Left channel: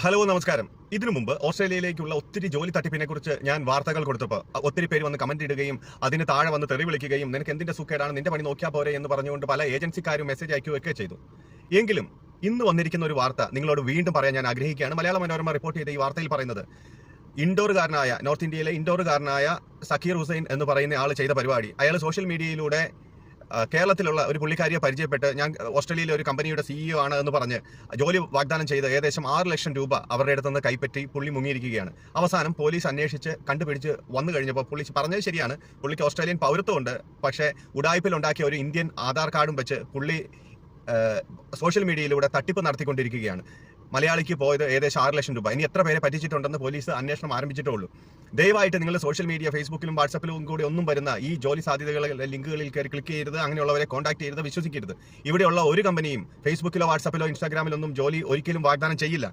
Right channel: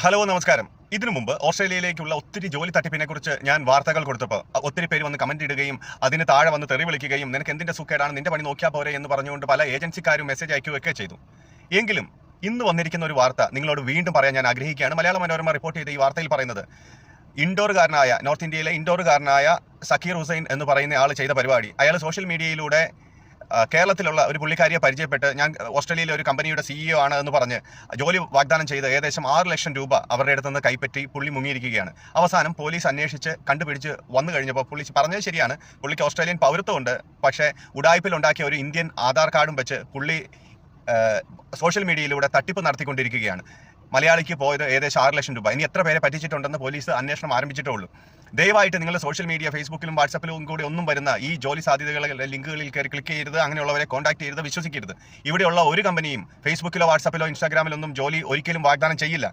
Hello നമസ്കാരം. ഇതിനു മുമ്പ് ഓസ്ട്രേലിയയിലേക്കുള്ള ഒത്തിരി ജോലി തട്ടിപ്പിനെ കുറിച്ച് ഞാൻ വാർത്തകൾ കൊടുത്തപ്പോൾ ഒത്തിരി പേര് വന്ന് കമന്റ് ഇടുകയും അതിന് താഴെ വന്ന് തെറി വിളിക്കുകയും നിനക്ക് എന്തിന്റെ സുഖേടാണ്, നിന്റെ പണി നോക്കിയാൽ പോരെ എന്ന് പറഞ്ഞുകൊണ്ട് പല ഏജൻസിക്കാരും മെസ്സേജ് അയക്കുകയൊക്കെ ചെയ്തു. എങ്കിലും ഇന്ന് വന്നിരിക്കുന്ന ഒരു വാർത്ത നിങ്ങളോട് വീണ്ടും പറയാൻ ഞാൻ ആഗ്രഹിക്കുകയാണ്. മലയാള മനോരമ റിപ്പോർട്ട് ചെയ്ത ഈ വാർത്തയിൽ പറയുന്നത് നോർത്ത് ഇന്ത്യയിലെ ഇൻഡോറുകാരനായ സക്കീർ ഹുസൈൻ എന്ന് പറയുന്ന ആൾ ചെയ്ത പരിപാടി, അയാൾ സോഷ്യൽ മീഡിയയിലൂടെ കേരളത്തിലുള്ള ഒരു പുള്ളിക്കാരിയെ പരിചയപ്പെട്ട് ഞാൻ ഓസ്ട്രേലിയയിലെ ഒരു കമ്പനിയുടെ CEO ആണ് എന്ന് പറഞ്ഞ് ജോലി വാഗ്ദാനം ചെയ്ത് ഏകദേശം 6 ലക്ഷം രൂപ അവരുടെ അടുത്ത് നിന്ന് കൈപ്പറ്റി പുള്ളി മുങ്ങിയിരിക്കുകയാണ്. അവസാനം പോലീസ് അന്വേഷിച്ച് കണ്ടുപിടിച്ച് വന്നു കഴിഞ്ഞപ്പോൾ പുള്ളി പറഞ്ഞത് ശരിയാണ്, പുള്ളിക്ക് ഓസ്ട്രേലിയൻ പൗരത്വമുണ്ട്. പക്ഷേ ഉഡായിപ്പിലുണ്ടാക്കിയ ഒരു ഇന്ത്യൻ ആധാർ കാർഡും വെച്ച് പുള്ളി സോഷ്യൽ മീഡിയയിലൂടെ തട്ടിപ്പ് നടത്തിക്കൊണ്ടിരിക്കുകയാണ്. മലയാളിക്ക് പോയത് ഏകദേശം 6 ലക്ഷം രൂപ. ഇനി എത്ര പേരെ പറ്റിച്ചിട്ടുണ്ടെന്ന് പോലീസ് അന്വേഷണം ആരംഭിച്ചിട്ടുള്ളൂ. ദയവായിട്ട് നിങ്ങൾ സോഷ്യൽ മീഡിയ, ഫേസ്ബുക്കിലും വാട്സപ്പിലും കൂടി ഒന്നും വരുന്ന ഈ ജോലി സാധ്യതകളിലെ ലിങ്കുകളിൽ കയറി ക്ലിക്ക് ചെയ്യരുത്. അങ്ങനെയുള്ളവരെ കോൺടാക്ട് ചെയ്യരുത്, വിശ്വസിക്കരുത്. ഇവിടെയുള്ള ഒരു കമ്പനിയും ഫേസ്ബുക്കിലോ വാട്സപ്പിലോ ഇൻസ്റ്റാഗ്രാമിലൊന്നും ജോലി ഒരിക്കലും വാഗ്ദാനം ചെയ്യില്ല.